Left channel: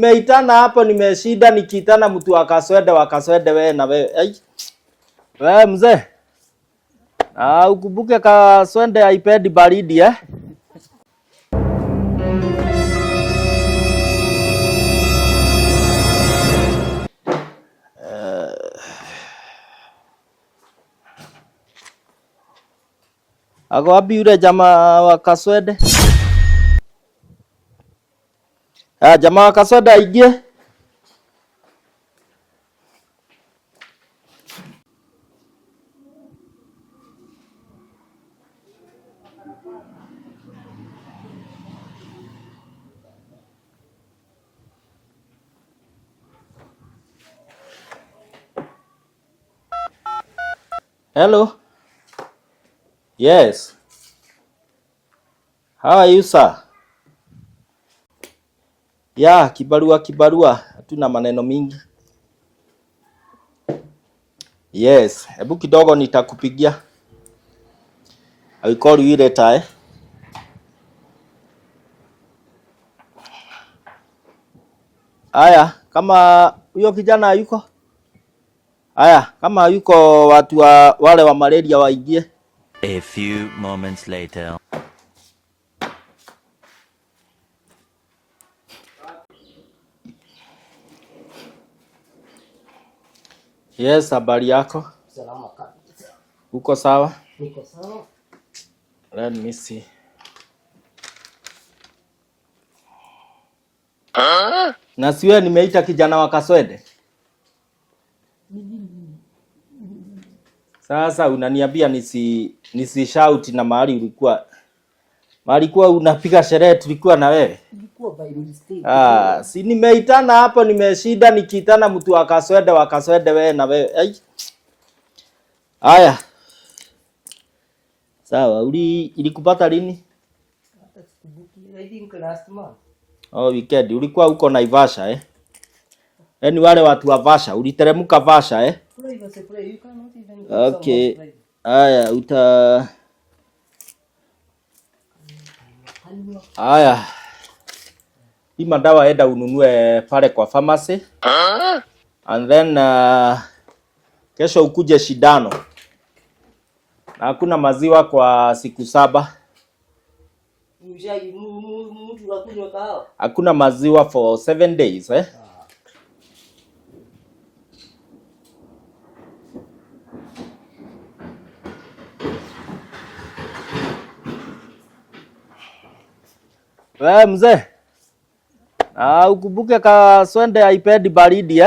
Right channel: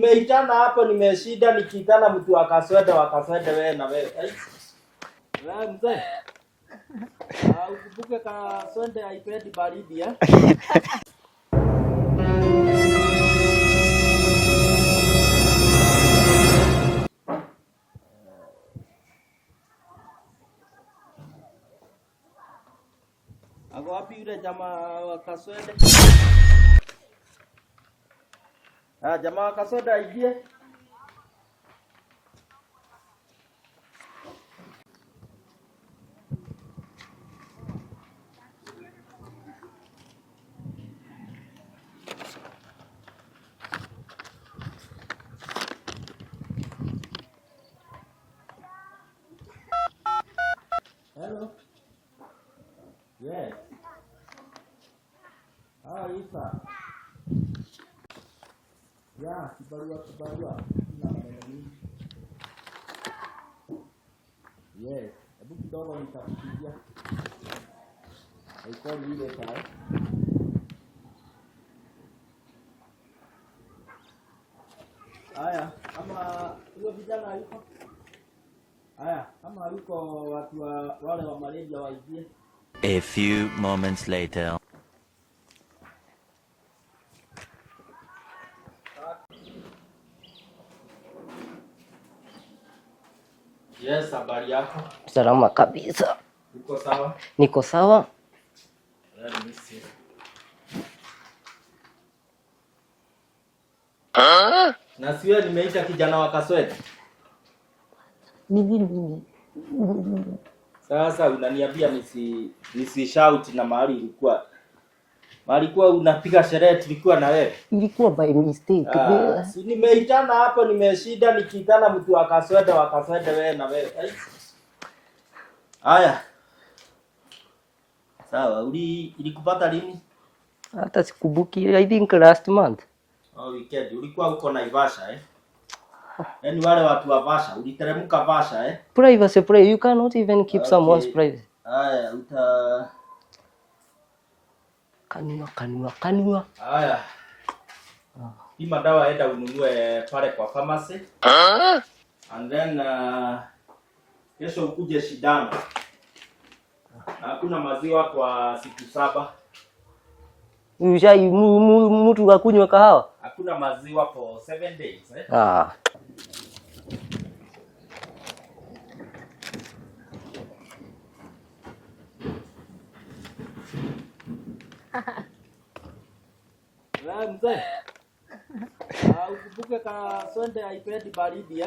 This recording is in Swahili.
Nimeitana hapo nimeshida nikiitana mtu wakaswede wewe na wewe. Wewe mzee. Ukumbuke kaswende iPad baridi Ako wapi yule jamaa wa kaswede? Jamaa wa kaswede aingie. Hello. Yes. How are you, sir? Yeah, kibarua. Tuna maneno mingi. Yes. Hebu kidogo nitakupigia. I will call you later, Aya, kama huyo kijana yuko? Aya, kama yuko watu wale wa malaria waingie. A few moments later. Yes, habari yako? Salama kabisa. Uko sawa? Niko sawa. Let me see. Na siwe nimeita kijana wa kaswede? Sasa unaniambia nisi shout na mahali ulikuwa unapiga sherehe tulikuwa na wewe? Ilikuwa by mistake. Si nimeitana hapo nimeshida nikiitana mtu wakaswede wewe na wewe. Haya. Sawa, ilikupata lini? Hata sikumbuki, I think last month. Weekend. Ulikuwa uko Naivasha Yaani wale watu wa Vasha, uliteremka Vasha Privacy, you cannot even keep someone's privacy. Haya, Kanua. Haya. Hii madawa enda ununue pale kwa pharmacy. And then kesho ukuje shindano. Na hakuna maziwa kwa siku 7. Mtu akunywa kahawa? Hakuna maziwa for 7 days Wewe mzee. Ukumbuke kaswende iPad baridi